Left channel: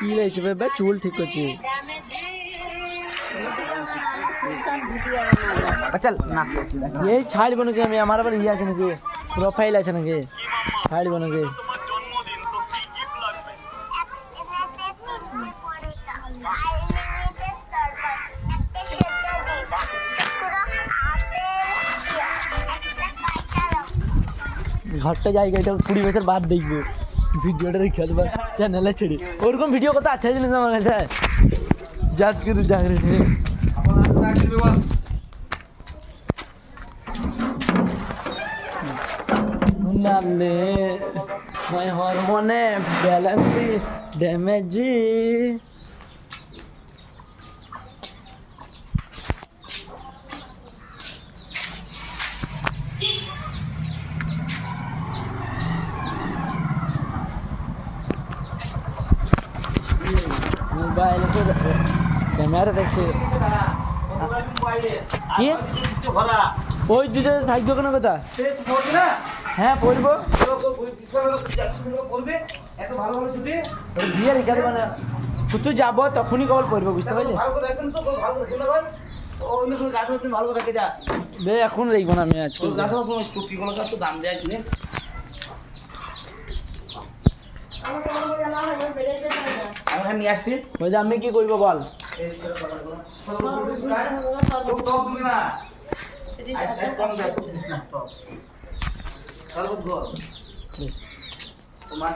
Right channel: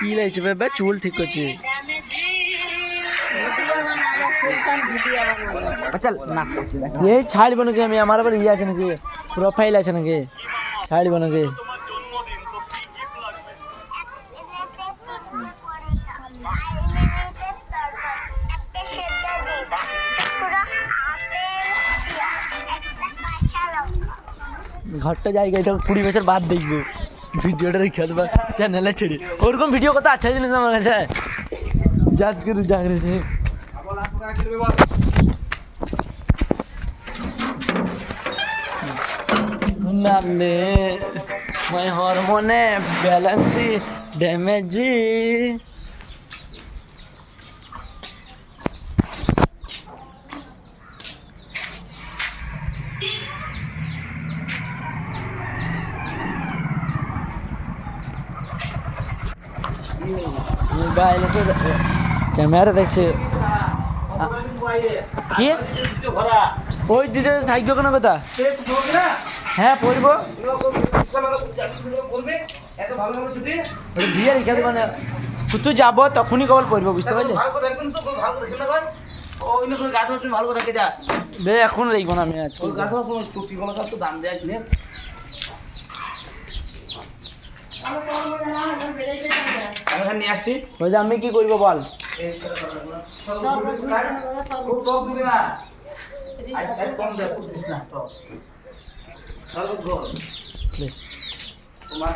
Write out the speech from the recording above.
কি লাগছে বাবা? চুল ঠিক করছে। এই ছাড়ব নাকি আমি? আমার আবার ইয়ে আছে নাকি, প্রোফাইল আছে নাকি? ছাড়ব নাকি? ঘরটা জায়গা, এটা 20 বছর বাদ দেখবো ভিডিওটা রেখে দেবো চ্যানেলে ছেড়ে। ওরকম ভিডিও কত আছে জিনিস আমার কাছে, জাজ করে জাগরে সে নামলে মাই হরমোনে ব্যালেন্সি ড্যামেজি। মোবাইলে তো ক্যামেরা দেখছে কি ওই দিতে থাকবে কোনো কথা? হ্যাঁ পড়বো দিয়ে রেখে দেবো না, তুই যাবো তখনই কল করবো, বুঝতে পারলি? ভালো করে যা দে, এখন দেখবো না আমি আজকে দাম দেয় জিনিস। আমি নিয়ে আসছি, ওই যে আমি কি করবো বল? তোমার